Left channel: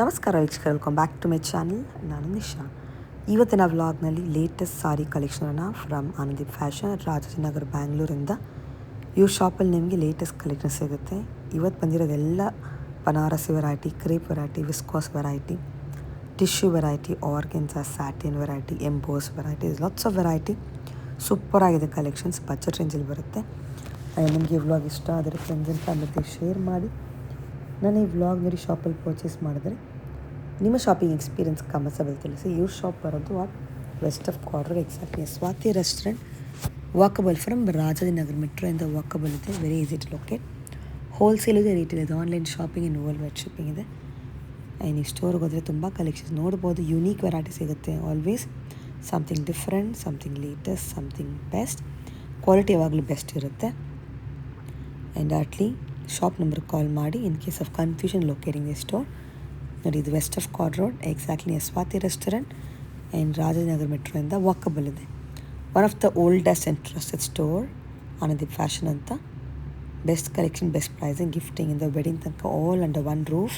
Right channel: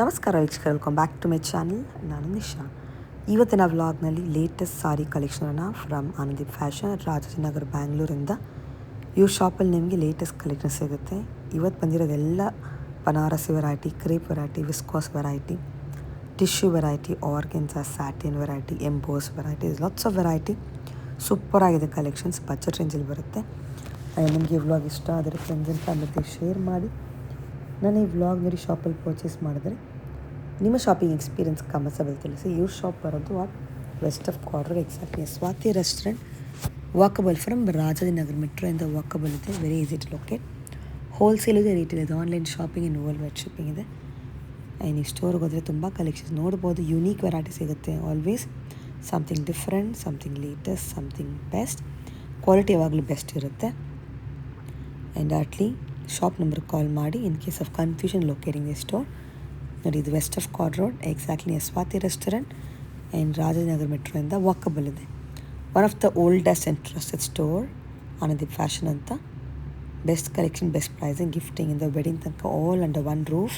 ನಮಸ್ಕಾರ ವೀಕ್ಷಕರು, welcome back to my channel. ನಾನು ನಿಶಾ. ಇವತ್ತಿನ ವ್ಲಾಗ್ನಲ್ಲಿ ಲೇಟೆಸ್ಟ್ ಸಾರಿ ಕಲೆಕ್ಷನನ್ನು ಫ್ರಮ್ ಆನಂದಿ ಫ್ಯಾಷನ್ ರಾಜಾಜಿನಗರ್ ಬ್ಯಾಂಗ್ಳೂರಿಂದ. ಈ ಶಾಪಲ್ಲಿ ನಿಮಗೆ ಲೇಟೆಸ್ಟ್ ಕಲೆಕ್ಷನ್ ಸಿಗುತ್ತೆ. ಇವತ್ತು ಬಂದಿರೋದೆಲ್ಲ Banarasi variety, crepe variety, viscose variety, tissue variety, organza, satin variety, emboss variety, lots of variety. ಸೂಪರಾಗಿದೆ ಕಲೆಕ್ಷನ್ಸ್, ಬಜೆಟ್ ರೇಂಜಲ್ಲಿ ಬರುತ್ತೆ. ನಿಮಗೆ ಈ ವ್ಲಾಗ್ ಇಷ್ಟ ಆದರೆ ಫ್ರೆಂಡ್ಸ್ ಆ್ಯಂಡ್ ಫ್ಯಾಮಿಲಿ ಶೇರ್ ಮಾಡಿ. ನಾನು ಈ ವ್ಲಾಗ್ ಮೇರಿ ಶಾಪಲ್ಲಿ ಪರ್ಚೇಸ್ ಮಾಡಿದ್ರೆ ನಿಮ್ಮ ಶಾಪಿಂಗ್ ಎಕ್ಸ್ಪೀರಿಯನ್ಸ್ ಕಮೆಂಟ್ಸಲ್ಲಿ ತಿಳಿಸಿ. ಇವ್ರ ಶಾಪ್ ಬರೋದು west of quarter, exactly Swathi restaurant, walkable from Rajajinagar ಮೆಟ್ರೋಯಿಂದ ವಾಕಬಲ್ ಇದೆ. Very easy to locate. Wholesale ಇದೆ, ರಿಟೇಲ್ ಇದೆ, online shopping in world wide shipping ಇದೆ. ಈ ಸ್ಟೋರ್ಗೆ ಹೋದರೆ ತುಂಬ ಕಲೆಕ್ಷನ್ಸ್ ನೋಡ್ಬೋದು. ಯುನೀಕ್ ವೆರೈಟಿ ಸಿಗುತ್ತೆ. Always something different, something latest, something best. Quality ಯಾವಾಗಲೂ ಬೆಸ್ಟ್ ಇರುತ್ತೆ. ಆ್ಯಂಡ್ ಅಟ್ಲಿ ಶಾಪ್ ನಂಬರ್ ಕಾಲ್ ಮಾಡಿ in case of confusion locating the store. ನೋಡಿ, ಇದು west of quarter road, exactly Swathi restaurant and Rajajinagar ಮೆಟ್ರೋಯಿಂದ ವಾಕಬಲ್ ಇದೆ. One of the oldest and trusted store Anandi fashion ಅಂತ. Best collection, best pricing, gifting ಇಂದ wedding ತನಕ all under one roof.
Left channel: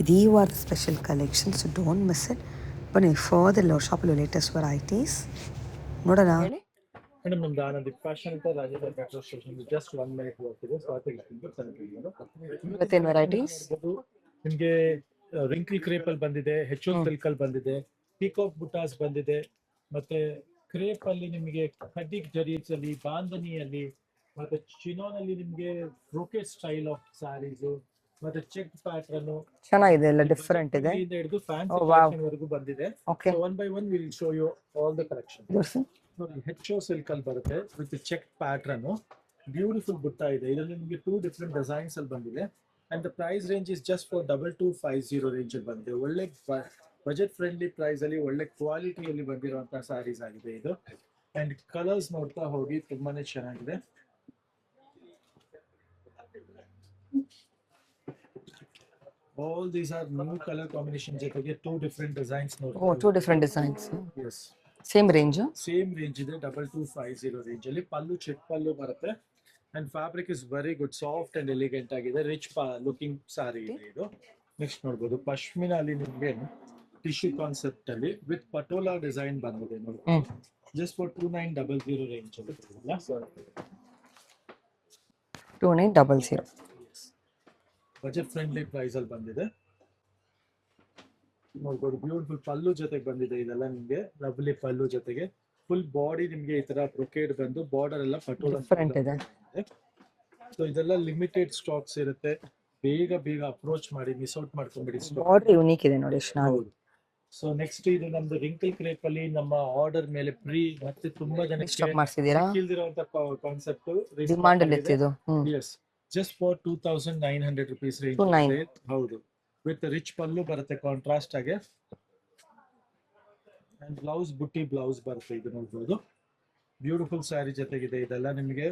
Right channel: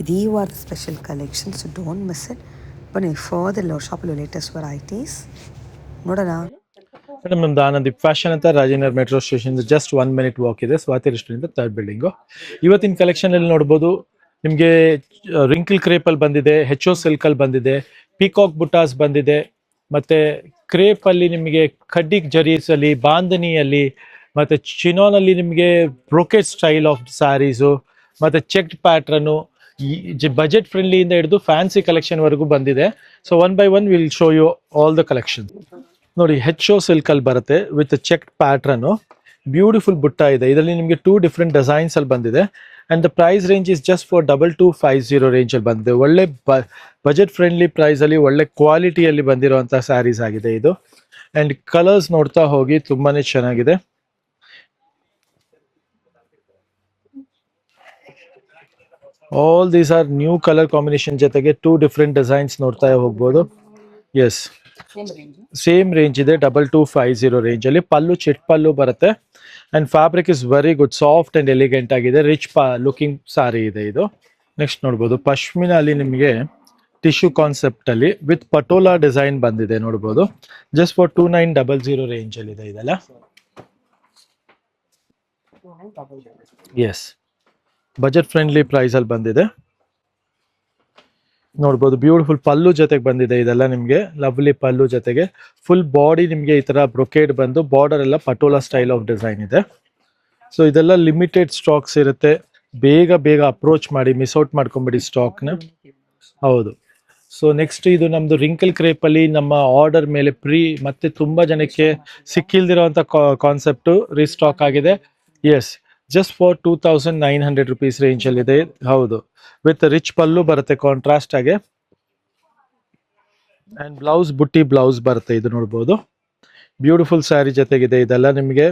ಇದು ಈ ವಾರದ special collection, so don't miss it. ಬನ್ನಿ further ಶಾಪಲ್ಲಿ ಲೇಟೆಸ್ಟ್ ವೆರೈಟೀಸ್ ನೋಡೋಣ. ಮೇಡಮ್, ನಮ್ದು ಆನಂದಿ ಫ್ಯಾಷನ್ ಅಂತ Rajajinagar metro station just 1 minute walk ಇದೆ. Swathi restaurant third building. ಇವತ್ತಿನ ಕಲೆಕ್ಷನ್ ಅಲ್ಲಿ ನೋಡ್ಬೋದು. ನಿಮಗೆ ರಿಂಕಲ್ ಕ್ರೇಪ್ ಅಲ್ಲಿ ಬಂದಿದೆ, HO ಸಿಲ್ಕ್ ಅಲ್ಲಿ ಬಂದಿದೆ, ಪೀಕಾಕ್ ಬುಟಾಸ್ ಬಂದಿದೆ, ಮತ್ತೆ ಕ್ರೇಪ್ ಅಲ್ಲಿ ನಿಮಗೆ ಖಡ್ಡಿ ಜರೀಸ್ ಅಲ್ಲಿ, ಬಾಂಧನಿಯಲ್ಲಿ, ಮತ್ತೆ ಚಿನೋನ್ ಅಲ್ಲಿ ನಿಮಗೆ ಬ್ರೋಕೆಟ್ ಸ್ಟೈಲ್ ಆಫ್ ಸ್ಯಾರೀಸು, ಮತ್ತೆ ಚೆಕ್ಡ್ ಪ್ಯಾಟ್ರನ್, ಬಜೆಟ್ ಫ್ರೆಂಡ್ಲಿ ಇಂದ ಹಿಡಿದು ಫ್ಯಾನ್ಸಿ ಕಲೆಕ್ಷನ್ ವರೆಗೂ ಬಂದಿದೆ. So one by one will show you all the collection. ನೋಡಿ, HO ಸಿಲ್ಕ್ ಅಲ್ಲಿ ಬರುತ್ತೆ ವಿತ್ ಚೆಕ್ಡ್ ಪ್ಯಾಟ್ರನ್. ಬ್ಯೂಟಿಫುಲ್ ಬುಟ್ಟ ಇದೆ. ಇದರಲ್ಲಿ ನಿಮಗೆ 2 ಡಿಫ್ರೆಂಟ್ ಡಿಸೈನ್ಸ್ ಅಲ್ಲಿ ಬಂದಿದೆ. And the price range is just for 2250 range ಅಲ್ಲಿ ಬಂದಿದೆ. ಒಳ್ಳೆ ಬಜೆಟ್ ಫ್ರೆಂಡ್ಲಿ ಪ್ರೈಸ್ ಅಲ್ಲಿ ಒಳ್ಳೆ ಕ್ವಾಲಿಟಿಯಲ್ಲಿ ಬಂದಿರುವಂತಹ ಸ್ಯಾರೀಸ್ ಆಗಿದೆ ಇದು. ಅಂಡ್ ಕಲರ್ಸ್ ನೋಡ್ತಾ ಹೋಗಿ, ತುಂಬಾನೇ ಚೆನ್ನಾಗಿದೆ. All these R new colour combination ಜೊತೆಗೆ 2 ಡಿಫ್ರೆಂಟ್ ಡಿಸೈನ್ಸ್ ನೋಡ್ತಾ ಹೋಗ್ಬೋದು. ಎಸ್, ಸೇಮ್ ರೇಂಜ್ ಇದೆ. 2250 ರೇಂಜ್ ಅಲ್ಲಿ. ಪಲ್ಲು ಚಿಟ್ ಪಲ್ಲು ಬರುತ್ತೆ. And fabric is very good, soft and elegant ಆಗಿದೆ. ರಿಚ್ ಲುಕಿಂಗ್ ಸಾರಿ ಇದೆ ಇದು. ನೆಕ್ಸ್ಟ್ ನೋಡ್ಬೋದು, ಪಶ್ಮಿನಾ ಅಲ್ಲಿ ನಿಮಗೆ ಟಿಶ್ಯೂ ಕಾನ್ಸೆಪ್ಟ್ ಅಲ್ಲಿ ವಿತ್ ಪಟೋಲಾ ಡಿಸೈನ್ ಬಂದಿದೆ. ನೋಡ್ಬೋದು, ಜಸ್ಟ್ ಫಾರ್ 2900 ರೇಂಜ್ ಅಲ್ಲಿ ಇದೆ ಇದೆಲ್ಲ. 2900. ಎಸ್, ಬಜೆಟ್ ಫ್ರೆಂಡ್ಲಿ ಪ್ರೈಸ್ ಅಲ್ಲಿ ಬಂದಿದೆ. ನೋಡ್ಬೋದು, ಬ್ಯೂಟಿಫುಲ್ ಪಲ್ಲು ಜೊತೆಗೆ ಬಂದಿದೆ ಇದೆಲ್ಲ ನಿಮಗೆ. ಲವ್ಲಿ ಪಲ್ಲು ಜೊತೆಗೆ ಫುಲ್ ಬಾಡಿ ನಿಮಗೆ ಈ ತರ ಬ್ರೊಕೇಡ್ ಬಂದು, ಬಾರ್ಡರ್ ಎಲ್ಲ ಪಟೋಲಾ ಸ್ಟೈಲ್ ಆಫ್ ಡಿಸೈನ್ ಇದೆ. ಸೊ ಇದೆಲ್ಲ ಲಿಮಿಟೆಡ್ ಸ್ಟಾಕ್ಸ್ ಇರುತ್ತೆ. ಬೇಗ ಬೇಗ ಅಪ್ರೋಚ್ ಮಾಡಿ, ಮಿಸ್ ಔಟ್ ಮಾಡ್ಕೊಂಬಿಡಿ ಸ್ಟಾಕ್ ನ. ಹೌದು. ಸೊ ನೆಕ್ಸ್ಟ್ ಇದು ನಮ್ದು ರಿಂಕಲ್ ಕ್ರೇಪ್ ಅಲ್ಲಿ ನಮ್ಮ ಆರ್ಡರ್ ಮೇಲೆ ಮತ್ತೆ ತುಂಬಾ ಜನಕ್ಕೆ ಸಿಕ್ಕಿಲ್ದಿರೋಂತ ಕಾನ್ಸೆಪ್ಟ್ ರೀಸ್ಟಾಕ್ ಆಗಿದೆ. Yes, just for 2900 rupees range ಅಲ್ಲಿ ಇದೆ. ಹೌದು, ವಿತ್ ರಿಚ್ ಪಲ್ಲು ಬರುತ್ತೆ ಕಾಂಟ್ರಾಸ್ಟ್ ಆಗಿ. ಅಂಡ್ ಬ್ಲೌಸ್ ಬುಟ್ಟಿ ಬ್ಲೌಸ್ ಬರುತ್ತೆ. ಇದು ನೋಡ್ಬೋದು, ಬ್ಯೂಟಿಫುಲ್ ಸ್ಯಾರಿ ಜೊತೆಗಿದೆ ಇದೆಲ್ಲ ನಿಮಗೆ.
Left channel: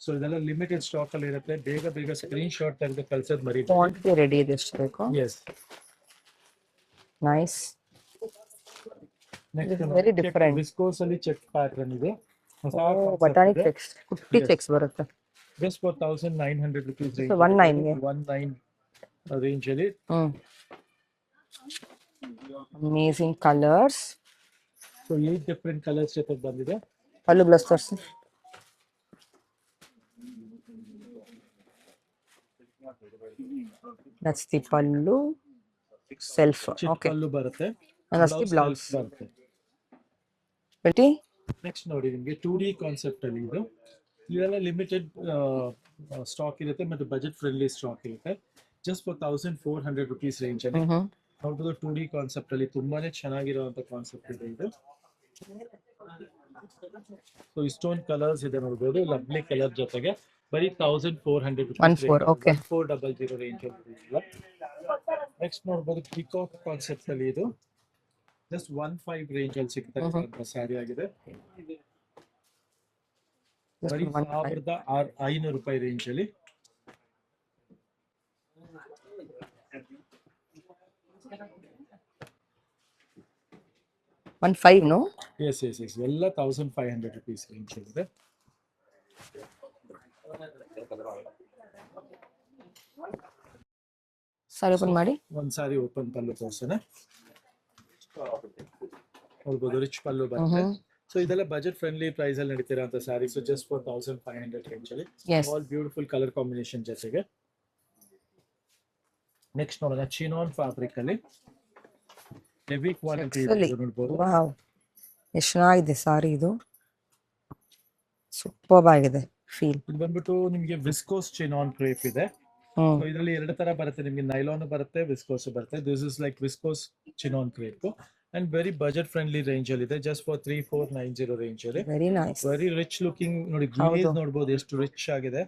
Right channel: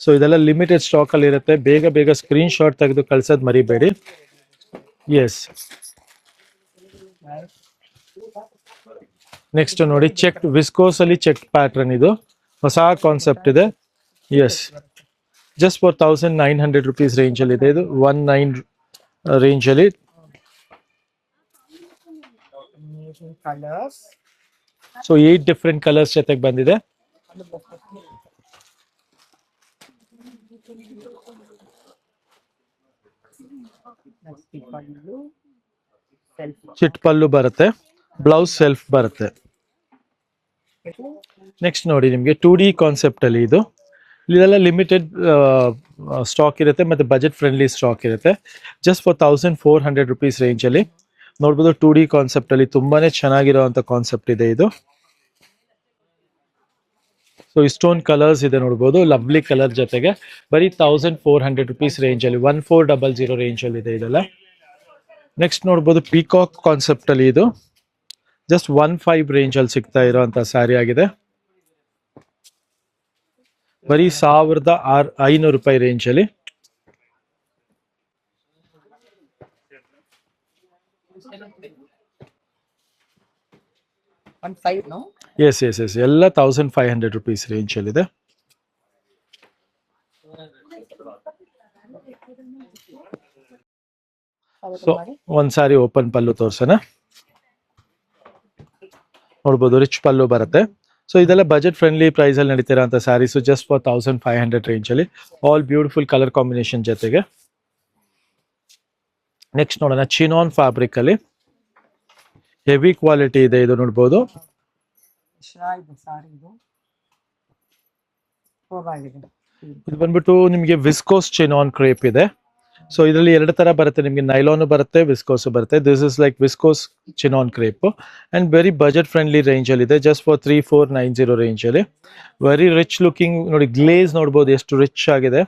ಸೊ ಇದೆಲ್ಲ ಲಿಮಿಟೆಡ್ ಸ್ಟಾಕ್ ಅಲ್ಲಿ ಇರುತ್ತೆ. ಬೇಗ ಬೇಗ ಸ್ಕ್ರೀನ್ ಶಾಟ್ ತೆಗೆದು ಕಳ್ಸೋದ್ ಮರಿಬೇಡಿ. ಎಸ್, ನೆಕ್ಸ್ಟ್ ನೋಡಿ, ಚೆಕ್ ವಿಸ್ಕೋಸ್ ಅಲ್ಲಿ ಚೆಕ್ ಪ್ಯಾಟರ್ನ್. ಇದು ಹೊಸ ಕಾನ್ಸೆಪ್ಟ್ ಇದೆ. Yes, just for 1900 rupees range ಅಲ್ಲಿ ಇದೆ ಇದು. 19 ರೇಂಜ್ ಅಲ್ಲಿ. Amazing colours. So 8 different colours ಜೊತೆಗೆ ಬಂದಿದೆ. ಪಲ್ಲು ಬ್ಲೌಸ್ ತೋರಿಸಿ. That's the pallu. ಸೆಲ್ಫ್ ಚಿಟ್ ಪಲ್ಲು ಬರುತ್ತೆ, ಬ್ಲೌಸ್ ಸೆಲ್ಫ್ ಬರುತ್ತೆ. ನೆಕ್ಸ್ಟ್ ನೋಡಿ, ನಿಮಗೆ 2D ಕಾನ್ಸೆಪ್ಟ್ ಅಲ್ಲಿ ಇದು. ಇದೆಲ್ಲ ಲಿಮಿಟೆಡ್ ಸ್ಟಾಕ್ ಇರುತ್ತೆ, ಮತ್ತೆ ಬಜೆಟ್ ಫ್ರೆಂಡ್ಲಿ ಸ್ಟಾಕ್ ಇರುತ್ತೆ. ಜಸ್ಟ್ ಫಾರ್ 1400 ರುಪೀಸ್ ರೇಂಜ್ ಅಲ್ಲಿ ನೋಡ್ಬೋದು. 2D ಕಾನ್ಸೆಪ್ಟ್ ಅಲ್ಲಿ ತುಂಬಾನೇ ಚೆನ್ನಾಗಿರುವಂತ ಕಾನ್ಸೆಪ್ಟ್ ಇದೆ ಇದು. ಸೊ ಇಷ್ಟೊಂದು ಕಲರ್ಸ್ ಇದೆ ನೋಡ್ಬೋದು, ಲವ್ಲಿ ಕಲರ್ ಜೊತೆಗೆ. ಬರೀ 1400 ರುಪೀಸ್ ರೇಂಜ್ ಅಲ್ಲಿ, 1400 ರೇಂಜ್ ಅಲ್ಲಿ ಇದೆ ಇದೆಲ್ಲ. ನೆಕ್ಸ್ಟ್ ನೋಡ್ಬೋದು, ಪೀಕಾಕ್ ಕಾನ್ಸೆಪ್ಟ್ ಅಲ್ಲಿ ಇದು ಜಸ್ಟ್ 15 ರೇಂಜ್ ಅಲ್ಲಿ ಸಿಗ್ತಾ ಇರುವಂತ ಸ್ಯಾರಿ ಆಗಿದೆ. ಬರೀ 1500 ರೂಪಾಯಿ ರೇಂಜ್ ಅಲ್ಲಿ. ಎಸ್ ಎಸ್ ಎಸ್, ಎಲ್ಲ 1500 ರುಪೀಸ್ ರೇಂಜ್ ಅಲ್ಲಿ ಇದೆ. ಸಾರಿ ಸೊ ಓಪನ್ ಮಾಡಿ. ಒಂದ್ ಸಾರಿ ಓಪನ್ ಪಲ್ಲು ತೋರ್ಸೋಣ. ನೋಡ್ಬೋದು ರಿಚ್ ಪಲ್ಲು ಬರುತ್ತೆ. ಸೊ ಇದೆಲ್ಲ ಬಜೆಟ್ ಫ್ರೆಂಡ್ಲಿ ಪ್ರೈಸ್ ಅಲ್ಲಿ ನಡೀತಿರೋ ಅಂತ ಸ್ಯಾರೀಸ್, ಜಸ್ಟ್ ಫಾರ್ 1500 ರೇಂಜ್ ಅಲ್ಲಿ, ಆಲ್ ಬ್ಯೂಟಿಫುಲ್ ಕಲರ್ ಕಾಂಬಿನೇಷನ್ ಜೊತೆಗೆ. ನೆಕ್ಸ್ಟ್ ನೋಡೋಣ ಚಿನಾನ್ ಫ್ಯಾಬ್ರಿಕ್ ಅಲ್ಲಿ ಹೆವಿ ಕ್ವಾಲಿಟಿ ಇದೆ ಇದು, ನೋಡ್ಬೋದು. ಎಷ್ಟು ಚೆನ್ನಾಗಿದೆ ಸಾರಿ, ಇದು ಸೂಪರ್ ಆಗಿದೆ ಫೀಲ್. ಇದು ಬಂದ್ಬಿಟ್ಟು ನಿಮಗೆ ವಿಸ್ಕೋಸ್ ಚಿನಾನ್ ಕ್ರೇಪ್ ಇದೆ. ಸೊ ಇದರಲ್ಲಿ ಎರಡು ತರ ಬರುತ್ತೆ ನಿಮಗೆ, ನೈಲಾನ್ ಬರುತ್ತೆ, ವಿಸ್ಕೋಸ್ ಬರುತ್ತೆ. This is like viscose chinon crepe and very budget friendly range ಅಲ್ಲಿ ಇದೆ, ಜಸ್ಟ್ ಫಾರ್ 3490 ರೇಂಜ್ ಅಲ್ಲಿ. ವೆರಿ ರಿಚ್ ಲುಕಿಂಗ್ ನೋಡಿ, ಗ್ಲೇಸ್ ನೋಡ್ಬೋದು ಎಷ್ಟು ರಿಚ್ ಆಗಿದೆ.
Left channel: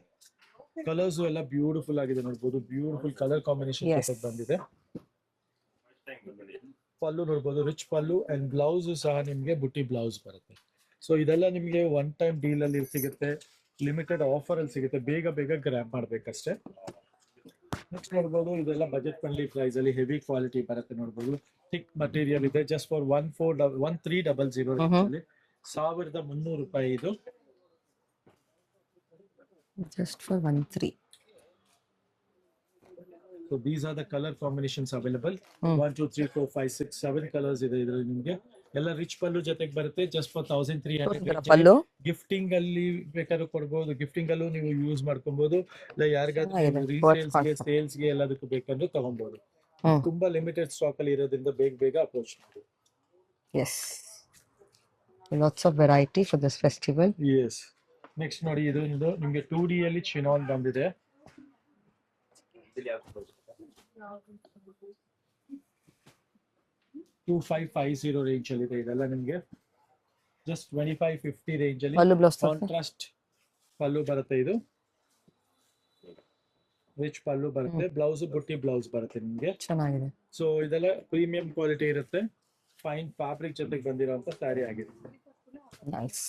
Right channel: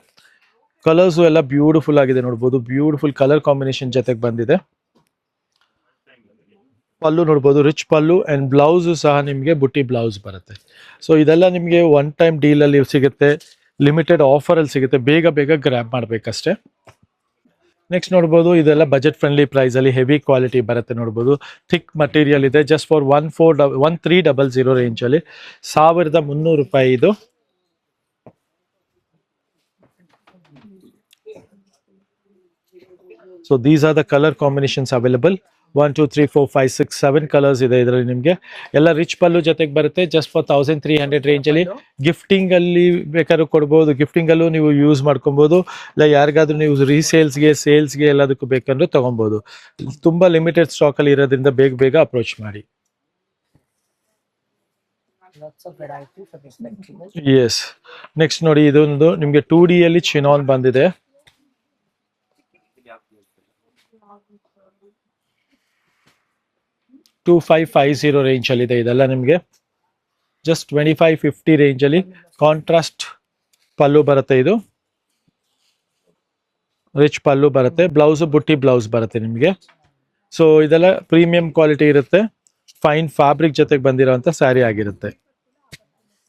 ಕಲರ್ಸ್ ಎಲ್ಲ ಬ್ಯೂಟಿಫುಲ್ ಆಗಿದೆ ನೋಡ್ಬೋದು, ಬ್ಯೂಟಿಫುಲ್ ಕಲರ್ ಕಾಂಬಿನೇಷನ್ ಜೊತೆಗೆ ಬಂದಿದೆ. ಪಲ್ಲು ನೋಡ್ಬೋದು ರಿಚ್ ಪಲ್ಲು ಅಂಡ್ ಬ್ಲೌಸ್ ಸಹ ನಿಮಗೆ ಬುಟ್ಟಿ ಬ್ಲೌಸ್ ಬರುತ್ತೆ. ಸೊ ಇದೆಲ್ಲ ನಿಮಗೆ ಒನ್ ಟೈಮ್ ಡೀಲ್ ಅಲ್ಲಿ ಸಿಗುತ್ತೆ, ಲಿಮಿಟೆಡ್ ಆಫರ್ ಅಲ್ಲಿ ಸಿಗುತ್ತೆ, ಬೇಗ ಬೇಗ ಗ್ರ್ಯಾಬ್ ಮಾಡ್ಬೇಕಷ್ಟೇ. ನೆಕ್ಸ್ಟ್ ನೋಡ್ಬೋದು ಇದೆಲ್ಲ ಬಜೆಟ್ ಫ್ರೆಂಡ್ಲಿ ಪ್ರೈಸ್ ಅಲ್ಲಿ ಹೆವಿ ಕ್ವಾಲಿಟಿ ಬರುತ್ತೆ, ನೋಡ್ಬೋದು ಥಿಕ್ ಮಟೀರಿಯಲ್ ಇದೆ, ಜಸ್ಟ್ ಫಾರ್ 1300 ರೇಂಜ್ ಅಲ್ಲಿ, 1300 ರೂಪಾಯಿ ಇದು. Just for 13. So these are the color combinations available. 1 2 3 4 5 6 7 colours ಇದೆ ಇದರಲ್ಲಿ ನಿಮಗೆ. ಎಲ್ಲ ರಿಚ್ ಪಲ್ಲು ಜೊತೆಗೆ ಬರುತ್ತೆ, ಜಸ್ಟ್ ಫಾರ್ 1300 ರೇಂಜ್ ಅಲ್ಲಿ. ಗಿಫ್ಟಿಂಗ್ ಅಲ್ಲಿ ಬೇಕಾದ್ರೂ ಕೊಡ್ಬೋದು, ಗಿಫ್ಟಿಂಗ್ ಅಲ್ಲೂ ನೀವು ಯೂಸ್ ಮಾಡ್ಕೊಬಹುದು, ಇಲ್ಲ ಯಾರಿಗಾದ್ರೂ ನೀವು ರೀಸೇಲ್ಸ್ಗೆ ಸೇಲ್ಸ್ಗೆ ಎಲ್ಲದಕ್ಕೂ ಬೇಕಂದ್ರೆ ತಗೊಬಹುದು. ತುಂಬಾ ಲಿಮಿಟೆಡ್ ಸ್ಟಾಕ್ ಅಲ್ಲಿ ಇರೋದ್ರಿಂದ ಬೇಗ ಬೇಗ ಅಪ್ರೋಚ್ ಮಾಡಿ. Yes. Lots of variety for this festival. Yes. Next ನೋಡಿ ಇದೊಂದು ನಿಮಗೆ 2D ಅಲ್ಲಿ ಚಿನಾನ್ ಬಂದಿದೆ. $2550 ರೇಂಜ್ ಅಲ್ಲಿ ಇದೆ ಇದೆಲ್ಲ ನಿಮಗೆ, ಜಸ್ಟ್ 2550 ರೇಂಜ್ ಅಲ್ಲಿ. ಕಾಂಟ್ರಾಸ್ಟ್ ಪಲ್ಲು ಬರುತ್ತೆ, ಇದು ರಿಚ್ ಪಲ್ಲು ಬರುತ್ತೆ, ಬ್ಲೌಸ್ ಬುಟ್ಟಿ ಬ್ಲೌಸ್ ಬರುತ್ತೆ ನಿಮಗೆ. ಚೆನ್ನಾಗಿದೆ. ಸೊ ಇದೆಲ್ಲ ಪ್ರೀಮಿಯಂ ಕ್ವಾಲಿಟಿ ಇರುತ್ತೆ, ಫೈನ್ ಫ್ಯಾಬ್ರಿಕ್ ಜೊತೆಗೆ ಬಂದಿರೋಂಥ ಸ್ಯಾರಿ ಆಗಿರುತ್ತೆ. Nice.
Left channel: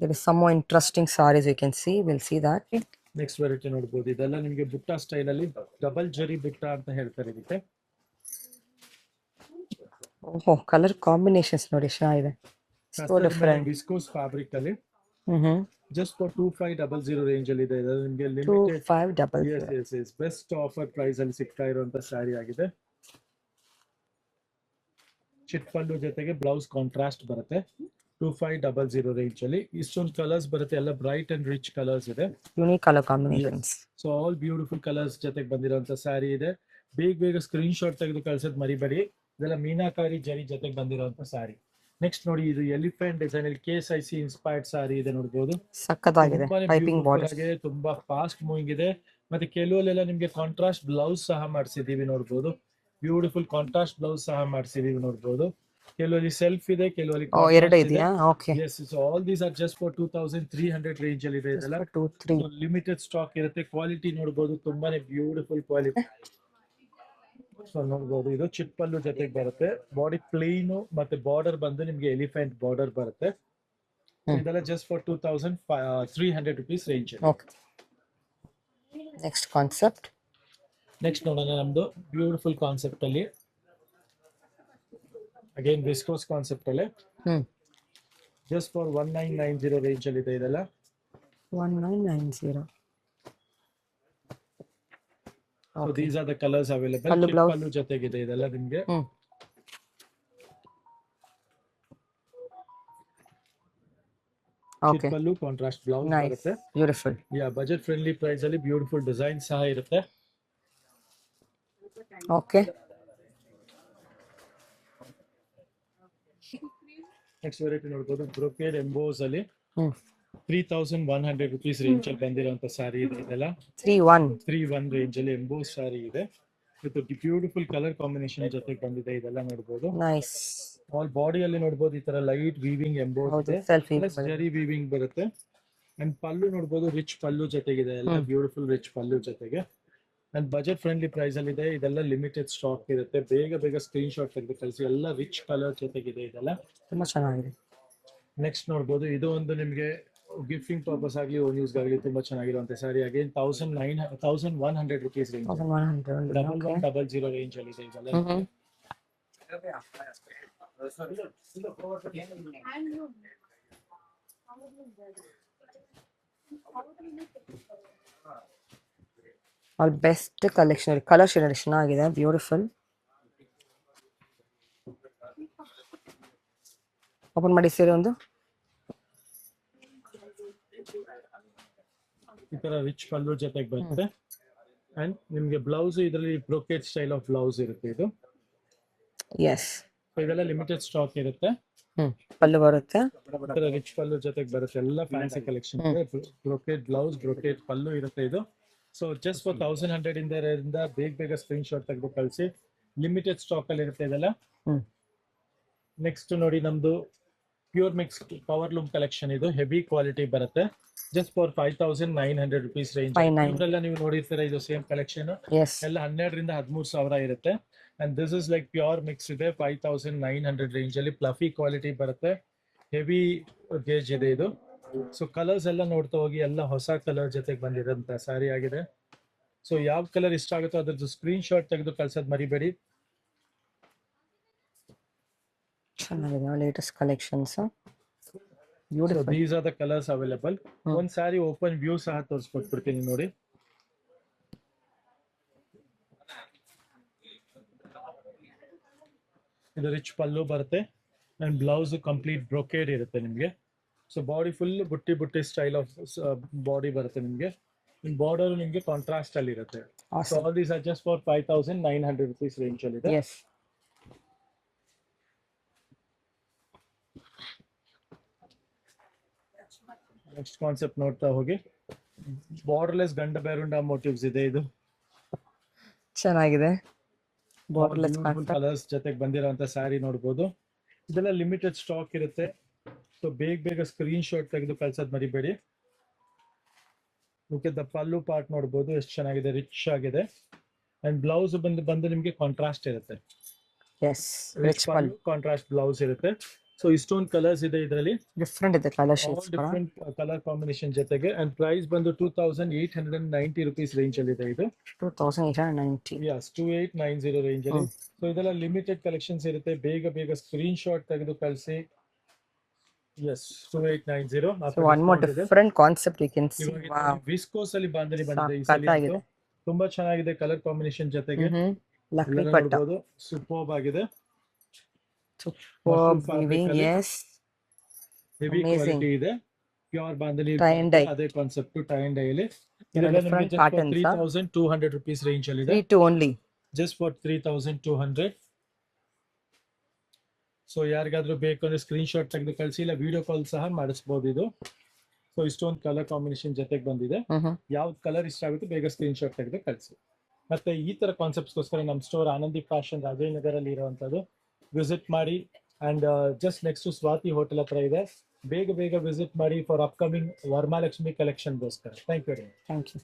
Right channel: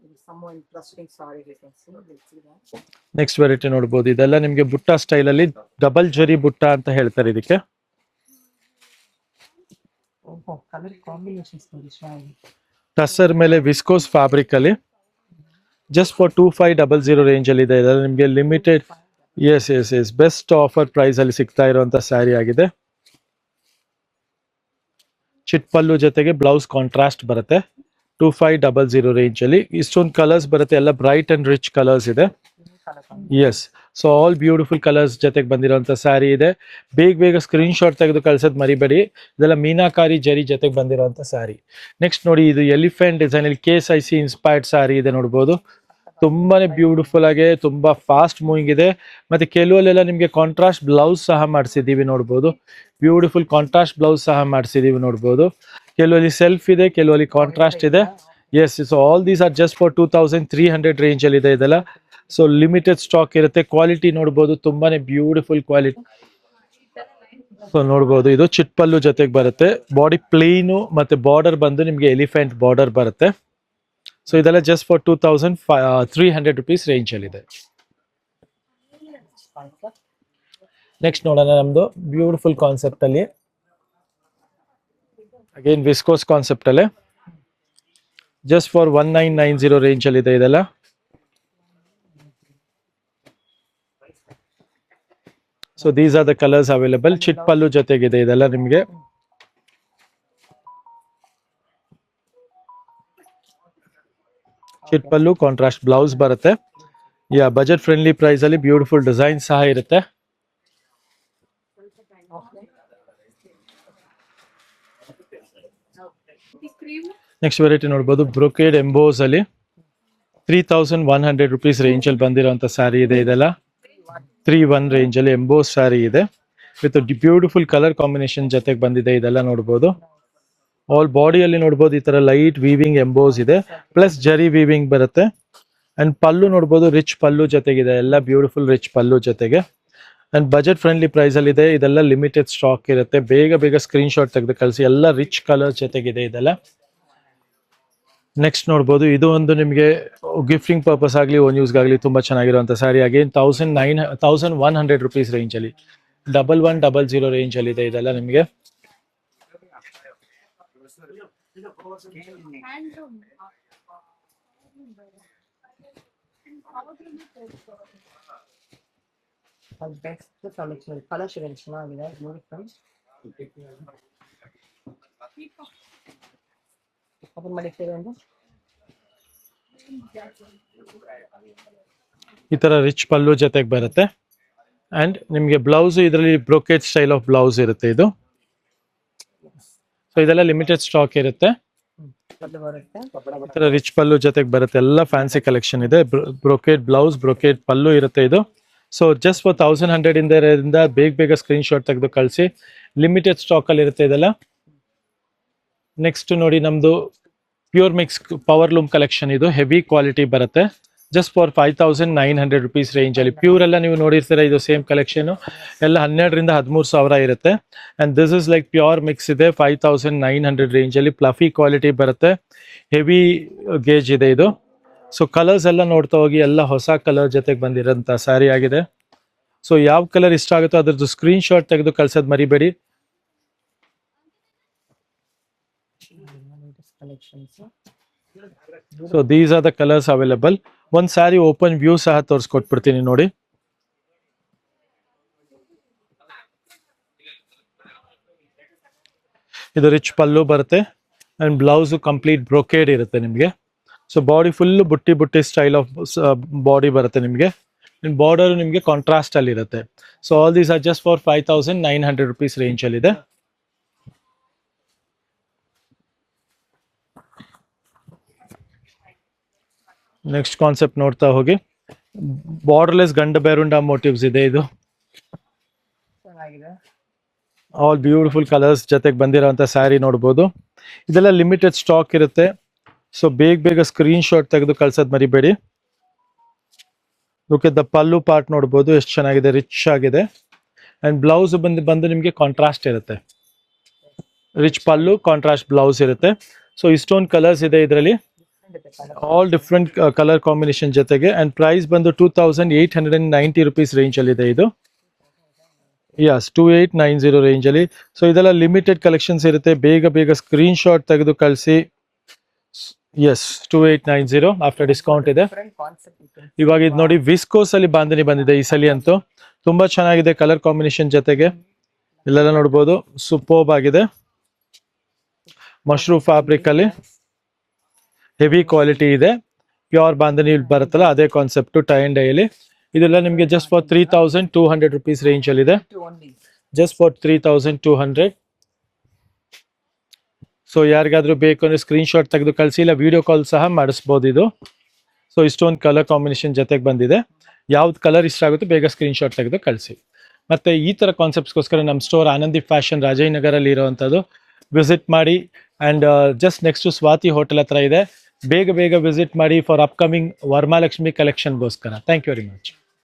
There is some more interesting sarees you can see. We'll see that. Next variety ನೋಡ್ಬೋದು, ಇದೆಲ್ಲ ನಿಮಗೆ ಬುಟ್ಟ ಸ್ಟೈಲ್ ಅಲ್ಲಿ, ಡಬಲ್ ಜರಿ ಬುಟ್ಟ ಅಂತ ಹೇಳ್ತಾರೆ ಇದಕ್ಕೆ. ಓಹೋ, ಕಲರ್ ಕಾಂಬಿನೇಷನ್ಸ್ ನೋಡಿ ಚೆನ್ನಾಗಿದೆ. ಟಸರ್ ಮೇಲೆ ವಿಸ್ಕೋಸ್ ಫ್ಯಾಬ್ರಿಕ್ ಅಲ್ಲಿ, ಜಸ್ಟ್ ಫಾರ್ 2500 ರೇಂಜ್ ಅಲ್ಲಿ ಇದೆ. ಇದೆಲ್ಲ ನಿಮಗೆ limited, yes best offer price ಅಲ್ಲಿ ಸಿಗ್ತಾ ಇರುವಂತ ಸ್ಯಾರಿ ಆಗಿದೆ. ಚಿಟ್ ಪಲ್ಲು ಜೊತೆಗೆ ಬ್ಲೌಸ್ ಕಾಂಟ್ರಾಸ್ಟ್ ಬರುತ್ತೆ, 2500 ರೇಂಜ್ ಅಲ್ಲಿ. ಇಷ್ಟೊಂದು ಕಲರ್ಸ್ ಬರುತ್ತೆ, ಎಲ್ಲ ಬ್ರೈಟ್ ಅಂಡ್ ರಿಚ್ ಕಲರ್ಸ್ ಇದೆ. Unique colour combination. Yes, so all beautiful colours ಜೊತೆಗೆ ಬಂದಿರೋಂಥ ಸ್ಯಾರಿ ಇದೆ. ಬೇಗ ಸ್ಕ್ರೀನ್ ಶಾಟ್ ತೆಗೆದು ಕಳ್ಸೋದು ಮರಿಬೇಡಿ, ಇದೆಲ್ಲ ಮೀನಾಕಾರಿ ಜರಿ ಜೊತೆಗೆ ಬಂದಿರೋಂಥ ಸ್ಯಾರಿ. ನೆಕ್ಸ್ಟ್ ನೋಡಿ, ಇದು ಎಲಿಫೆಂಟ್ ಡಿಸೈನ್ ಅಲ್ಲಿ KSIC ಇನ್ಸ್ಪೈರ್ಡ್ ಸ್ಯಾರಿ ಇದೆ, ನೋಡ್ಬೋದು. ತುಂಬಾನೇ ಬ್ಯೂಟಿಫುಲ್ ಆಗಿ, ತುಂಬಾ ಫಾಸ್ಟ್ ಮೂವಿಂಗ್ ಇದೆ. ಮತ್ತೆ ಕೆಲವಲ್ಲೆಲ್ಲ ನಿಮಗೆ ಕಾಂಟ್ರಾಸ್ಟ್ ಬ್ಲೌಸ್ ಸಹ ಮಾಡಿಸಿದೀವಿ, ನೋಡ್ಬೋದು. ಬ್ಯೂಟಿಫುಲ್ ಕಾಂಟ್ರಾಸ್ಟ್ ಬ್ಲೌಸ್ ಸಹ ಮಾಡಿಸಿದೀವಿ, ನೋಡ್ಬೋದು. ಕೆಲವಲ್ಲಿ ಸೆಲ್ಫ್ ಇದೆ, ಕೆಲವಲ್ಲಿ ಕಾಂಟ್ರಾಸ್ಟ್ ಇದೆ. Yes, so all these are just for 2300 range ಅಲ್ಲಿ ಇದೆ ಇದೆಲ್ಲ. ಸೊ ಲಿಮಿಟೆಡ್ ಸ್ಟಾಕ್ ಇರುತ್ತೆ. ಕ್ವಾಲಿಟಿ ನೋಡ್ಬೋದು, ತುಂಬಾನೇ ಬ್ಯೂಟಿಫುಲ್ ಕ್ವಾಲಿಟಿ. ಸೊ ನೋಡ್ಬೋದು, ಇದು ಚಿಟ್ ಪಲ್ಲು ಜೊತೆಗೆ ಬರುತ್ತೆ, ಬಾಡಿ ಪ್ಲೇನು ಮತ್ತೆ ಬಾರ್ಡರ್ ಬಂದು ನಿಮ್ಗೆ ಎಲಿಫೆಂಟ್ ಬಾರ್ಡರ್ ಬರುತ್ತೆ. ಸೊ ಇದೆಲ್ಲ ಜಸ್ಟ್ ಫಾರ್ 2300 ರುಪೀಸ್ ರೇಂಜ್ ಅಲ್ಲಿ ಇದೆ. Next concept. ನೆಕ್ಸ್ಟ್ ನೋಡೋಣ ನಮ್ದು ಬ್ಯೂಟಿಫುಲ್ ಕಾನ್ಸೆಪ್ಟ್ ಅಲ್ಲಿ, ಅಗೇನ್ ವಿಸ್ಕೋಸ್ ಕಾನ್ಸೆಪ್ಟ್ ಅಲ್ಲೇ, ಜಸ್ಟ್ ಫಾರ್ 1990 ರೇಂಜ್ ಅಲ್ಲಿ ಇದೆ ಇದೆಲ್ಲ. 1990. So these are the colours available. ಚಿಟ್ ಪಲ್ಲು ಜೊತೆಗಿದೆ ಇದೆಲ್ಲ ನಿಮಗೆ. ಚಿಟ್ ಪಲ್ಲು ಕಾಂಟ್ರಾಸ್ಟ್ ಬ್ಲೌಸ್ ಬರುತ್ತೆ. ಯಾ, ಬಜೆಟ್ ಫ್ರೆಂಡ್ಲಿ ಪ್ರೈಸ್ ಅಲ್ಲಿ ಬ್ಯೂಟಿಫುಲ್ ಡಿಸೈನ್ ಸಹ ಇರುತ್ತೆ. ಓಕೆ, ನೆಕ್ಸ್ಟ್ ವೆರೈಟಿ ನೋಡ್ಬೋದು, ಬ್ರೊಕೇಡ್ ಎಂಬೋಸ್ ಅಲ್ಲಿ 3100 ರುಪೀಸ್ ರೇಂಜ್ ಅಲ್ಲಿ ಬಂದಿರುವಂತ ಸ್ಯಾರಿ ಇದೆ ಇದೆಲ್ಲ. 31 ರೇಂಜ್ ಅಲ್ಲಿ ಎಂಬೋಸ್ ಸ್ಯಾರಿ ಇದೆ, ವಿತ್ ಬ್ಯೂಟಿಫುಲ್ ಕಲರ್ ಕಾಂಬಿನೇಷನ್ ಜೊತೆಗೆ ಬಂದಿದೆ ಇದೆಲ್ಲ, ನೋಡ್ಬೋದು. ಆಲ್ ಬಾಡಿಯಲ್ಲಿ ನೋಡ್ಬೋದು ಈ ತರ ಲೈಟ್ ವೀವಿಂಗ್ ಎಂಬೋಸ್ ಇದೆ, ಪ್ಲಸ್ ಜರಿ ವೀವಿಂಗ್ ಬರುತ್ತೆ. ಅಂಡ್ ಪಲ್ಲು ನೋಡ್ಬೋದು, ರಿಚ್ ಪಲ್ಲು ಜೊತೆಗಿದೆ, ಎಲ್ಲ ಬ್ಯೂಟಿಫುಲ್ ರಿಚ್ ಪಲ್ಲು ಜೊತೆಗೆ. ಅಂಡ್ ಬಜೆಟ್ ಫ್ರೆಂಡ್ಲಿ ಪ್ರೈಸ್ ಅಲ್ಲಿ ಇದೆ ಇದೆಲ್ಲ. ಲಿಮಿಟೆಡ್ ಸ್ಟಾಕ್ ಇರುತ್ತೆ, ಬೇಗ ಸ್ಕ್ರೀನ್ ಶಾಟ್ ತೆಗೆದು ಕಳಿಸಿ. ಎಲ್ಲ ರಿಚ್ ಕಲರ್ ಜೊತೆಗಿದೆ ಇದೆಲ್ಲ, ತುಂಬಾ ಚೆನ್ನಾಗಿದೆ. ನೆಕ್ಸ್ಟ್ ನೋಡ್ಬೋದು, ಇದು ಒಂದು ನಿಮಗೆ ಗಿಫ್ಟಿಂಗ್ ಪರ್ಪಸ್ ಆಗಲಿ ಓನ್ ಯೂಸ್ ಆಗಲಿ ತುಂಬಾ ಚೆನ್ನಾಗಿರುವಂತ ಸ್ಯಾರಿ. ಅಗೇನ್ 1100 ರುಪೀಸ್ ರೇಂಜ್ ಅಲ್ಲಿ, 1100 ರೇಂಜ್ ಅಲ್ಲಿ ಇದೆ ಇದೆಲ್ಲ ನಿಮಗೆ. All best collection. Colour shade ಚೆನ್ನಾಗಿದೆ, ಬ್ಯೂಟಿಫುಲ್. ಓಪನ್ ಮಾಡಿ ಸೀರೆ ಒಂದು. ಈ ತರ ರಿಚ್ ಪಲ್ಲು ಜೊತೆಗೆ ಬರುತ್ತೆ. ಅಂಡ್ ನಿಮ್ಗೆ ಬ್ಲೌಸ್ ಇದರಲ್ಲಿ ಬ್ರೋಕೆಟ್ ಸ್ಟೈಲ್ ಆಫ್ ಬ್ಲೌಸ್ ಇರುತ್ತೆ ಇದು. ಎಸ್. ಸೊ ಇದೆಲ್ಲ ಲಿಮಿಟೆಡ್ ಸ್ಟಾಕ್ ಇರುತ್ತೆ. ಪಲ್ಲು ಬರುತ್ತೆ. ರಿಚ್ ಪಲ್ಲು ಜೊತೆಗೆ ಬರುತ್ತೆ, ಎಲ್ಲ ಫ್ಯಾನ್ಸಿ ಕಲೆಕ್ಷನ್ ಇದೆ. ಬ್ರೋಕೆಟ್ ಬ್ಲೌಸ್, ಬ್ರೋಕೆಟ್ ಪಲ್ಲು ಇರುತ್ತೆ ಇದು. ಸೊ ಜಸ್ಟ್ ಫಾರ್ 1100 ಇಂದ ಬೇಗ ಸ್ಕ್ರೀನ್ ಶಾಟ್ ತೆಗೆದು ಕಳಿಸಿ. ಲಿಮಿಟೆಡ್ ಸ್ಟಾಕ್ ಅಲ್ಲಿ ಇರುತ್ತೆ ಇದೆಲ್ಲ. ನೆಕ್ಸ್ಟ್ ನೋಡಿ ನಮ್ದು pure mix power loom collection. ಇದು ಹೆವಿ ಕ್ವಾಲಿಟಿ ಬರುತ್ತೆ. ಜಸ್ಟ್ ಫಾರ್ 5900 ರುಪೀಸ್ ರೇಂಜ್ ಅಲ್ಲಿ. ಪ್ಯೂರ್ ಎಲ್ಲ ನೀವು ನೋಡಿರ್ತೀರ, ಇದು ಸೇಮ್ ಕಲೆಕ್ಷನ್ ಎಲ್ಲ 12 ರಿಂದ 13,000 ಇರುತ್ತೆ. And this is like pure mix ಇದೆ. 5900 ರೇಂಜ್ ಅಲ್ಲಿ ಫ್ಲಫಿ ಕ್ವಾಲಿಟಿ ಬರುತ್ತೆ. ಹೆವಿ ಗೇಜ್ ಇದೆ ಇದು. ಸೊ ಕಲರ್ಸ್ ಎಲ್ಲ ನೋಡ್ತಾ ಹೋಗಿ, ಎಲ್ಲ ಹೊಸ ಕಲರ್ ಜೊತೆಗೆ ಬಂದಿರೋಂಥ ಸ್ಯಾರಿ ಆಗಿದೆ. ಸೊ ಯಾವ ಕಲರ್ ಇಷ್ಟ ಆಗುತ್ತೋ ಅದ್ರದ್ದು ಸ್ಕ್ರೀನ್ ಶಾಟ್ ತೆಗೆದು ಕಳ್ಸೋದು ಮರಿಬೇಡಿ. ಚೆನ್ನಾಗಿದೆ latest collections. So these are the colours available. ಒಂದ್ ಸ್ಯಾರಿ ಓಪನ್ ವ್ಯೂ ಸಹ ತೋರಿಸ್ಕೊಟ್ಬಿಡ್ತೀನಿ ನೋಡಿ. ಇದು ರಿಚ್ ಪಲ್ಲು ಬರುತ್ತೆ ಅಂಡ್ ಬ್ಲೌಸ್ ಕಂಪ್ಲೀಟ್ ಬ್ರೊಕೇಡ್ ಇರುತ್ತೆ ನಿಮಗೆ. ಸೊ ಬಾಡಿ ಫುಲ್ ಬುಟ್ಟಿ ಸ್ಟೈಲ್ ಆಫ್ ಬಾಡಿ ಬರುತ್ತೆ ನಿಮಗೆ. ಬಾರ್ಡರ್ ನಿಮಗೆ ಕಾಂಟ್ರಾಸ್ಟ್ ಅಲ್ಲಿ ಇರುತ್ತೆ. So all these are just for 5900 rupees range ಅಲ್ಲಿ ಇದೆ. ನೆಕ್ಸ್ಟ್ ಕಾನ್ಸೆಪ್ಟ್ ನೋಡ್ತಾ ಹೋಗಿ. ಬಾರ್ಡರ್ಲೆಸ್ ಗಂಡ ಬೇರುಂಡ ಮೋಟಿವ್ಸ್ ಇದೆ ಇದು. ಚೆನ್ನಾಗಿದೆ. ಆಲ್ ಬ್ಯೂಟಿಫುಲ್ ಕಲರ್ಸ್ ಜೊತೆಗೆ ಬಂದಿರೋಂಥ ಸ್ಯಾರಿ ನೋಡ್ಬೋದು. ಇದೆಲ್ಲ ಲಿಮಿಟೆಡ್ ಸ್ಟಾಕ್ ಇರುತ್ತೆ. ಸೊ ಬೇಗ ಸ್ಕ್ರೀನ್ ಶಾಟ್ ತೆಗೆದು ಕಳ್ಸೋದು ಮರಿಬೇಡಿ. Look at the pallu part ನೋಡ್ಬೋದು, ಎಷ್ಟು ಚೆನ್ನಾಗಿದೆ, ರಿಚ್ ಆಗಿದೆ. ಅಂಡ್ ಬ್ಲೌಸ್ ಬಂದು ನಿಮಗೆ ಕಾಂಟ್ರಾಸ್ಟ್ ಇರುತ್ತೆ. ರಿಚ್ ಪಲ್ಲು, ಕಾಂಟ್ರಾಸ್ಟ್ ಬ್ಲೌಸ್ ಇರುತ್ತೆ. ಸೊ ಇಷ್ಟೊಂದು ಕಲರ್ಸ್ ಇದೆ ಇದರಲ್ಲಿ. ಡಿಫ್ರೆಂಟ್ ಇದೆ colour. All different colour combination ಜೊತೆಗೆ. ಅಂಡ್ ಪ್ರೈಸ್ ಬಂದು 2890 ರುಪೀಸ್ ರೇಂಜ್ ಅಲ್ಲಿ ಇದೆ ಇದು. 2890. ಯಸ್, 2890 ರೇಂಜ್ ಅಲ್ಲಿ. ಸೊ ಇದೆಲ್ಲ ಲಿಮಿಟೆಡ್ ಕಲೆಕ್ಷನ್ಸ್ ಇರುತ್ತೆ. ಬೇಗ ಸ್ಕ್ರೀನ್ ಶಾಟ್ ತೆಗೆದು ಕಳಿಸಿ. ಎಸ್, 2890 ಆಫ್ಟರ್ ಡಿಸ್ಕೌಂಟ್ ಇದೆ. Different concept you can. ಇವಾಗ ಇದು ನೋಡಿ, ವಿಸ್ಕೋಸ್ ಅಲ್ಲಿ ಬಾಂಧನಿ ಬಂದಿದೆ ಈ ಸಲ ಅಂತೂ. ತುಂಬಾ ಚೆನ್ನಾಗಿದೆ ಕಲರ್ ಕಾಂಬಿನೇಷನ್ ಜೊತೆಗೆ. ಇಲ್ಲೆಲ್ಲ ನೋಡಬಹುದು, ಸೂಪರ್ಬ್ ಆಗಿದೆ. ಮಶ್ರೂಮ್ ಫ್ಯಾಬ್ರಿಕ್ ಅಲ್ಲಿ ಹೆವಿ ಕ್ವಾಲಿಟಿ ಇದೆ. ಪ್ಯೂರ್ ಬಾಂಧನಿ ಬರುತ್ತಲ್ಲ ಅದೇ ಕಾನ್ಸೆಪ್ಟ್, ಟೈ ಅಂಡ್ ಡೈ ಅಲ್ಲಿ. ಇದೆಲ್ಲ ನಿಮಗೆ ಜಸ್ಟ್ ಫಾರ್ 3200 ರುಪೀಸ್ ರೇಂಜ್ ಅಲ್ಲಿ ಇದೆ. Just for 3200. ಸೊ ಯಾರಿಗಾದ್ರೂ ಬೇಕು ಅಂದ್ರೆ ಸ್ಕ್ರೀನ್ ಶಾಟ್ ತೆಗೆದು ಕಳಿಸಿ, ಇಲ್ಲ ವಿಡಿಯೋ ಕಾಲ್ ಸಹ ಮಾಡಿಸ್ಬೋದು ಇದು. ಸೊ ಇಷ್ಟೊಂದು ಕಲರ್ ಕಾಂಬಿನೇಷನ್ ಜೊತೆಗೆ ಬಂದಿದೆ. ಯಾವ್ದು ಕಲರ್ ಇಷ್ಟ ಆಗುತ್ತೋ ಬೇಗ ಸ್ಕ್ರೀನ್ ಶಾಟ್ ತೆಗೆದು ಕಳಿಸಿ. ಮತ್ತೆ ಈ ತರ ಕಾನ್ಸೆಪ್ಟ್ಸ್ಗೋಸ್ಕರ ನಮ್ಮ ಸ್ಟೋರ್ ಆನಂದಿ ಫ್ಯಾಷನ್ ರಾಜಾಜಿನಗರ್ ಅಲ್ಲಿ ಇರುವಂತದ್ದು. ವಿಸಿಟ್ ಮಾಡಿ. And just next Swati hotel ಹತ್ರ ಇದೆ. ಬೇಗ ವಿಸಿಟ್ ಮಾಡಿ ಫಾರ್ ಅಪ್ಕಮಿಂಗ್ ವರಮಹಾಲಕ್ಷ್ಮಿ ಕಲೆಕ್ಷನ್ಗೋಸ್ಕರ. Thank you very much.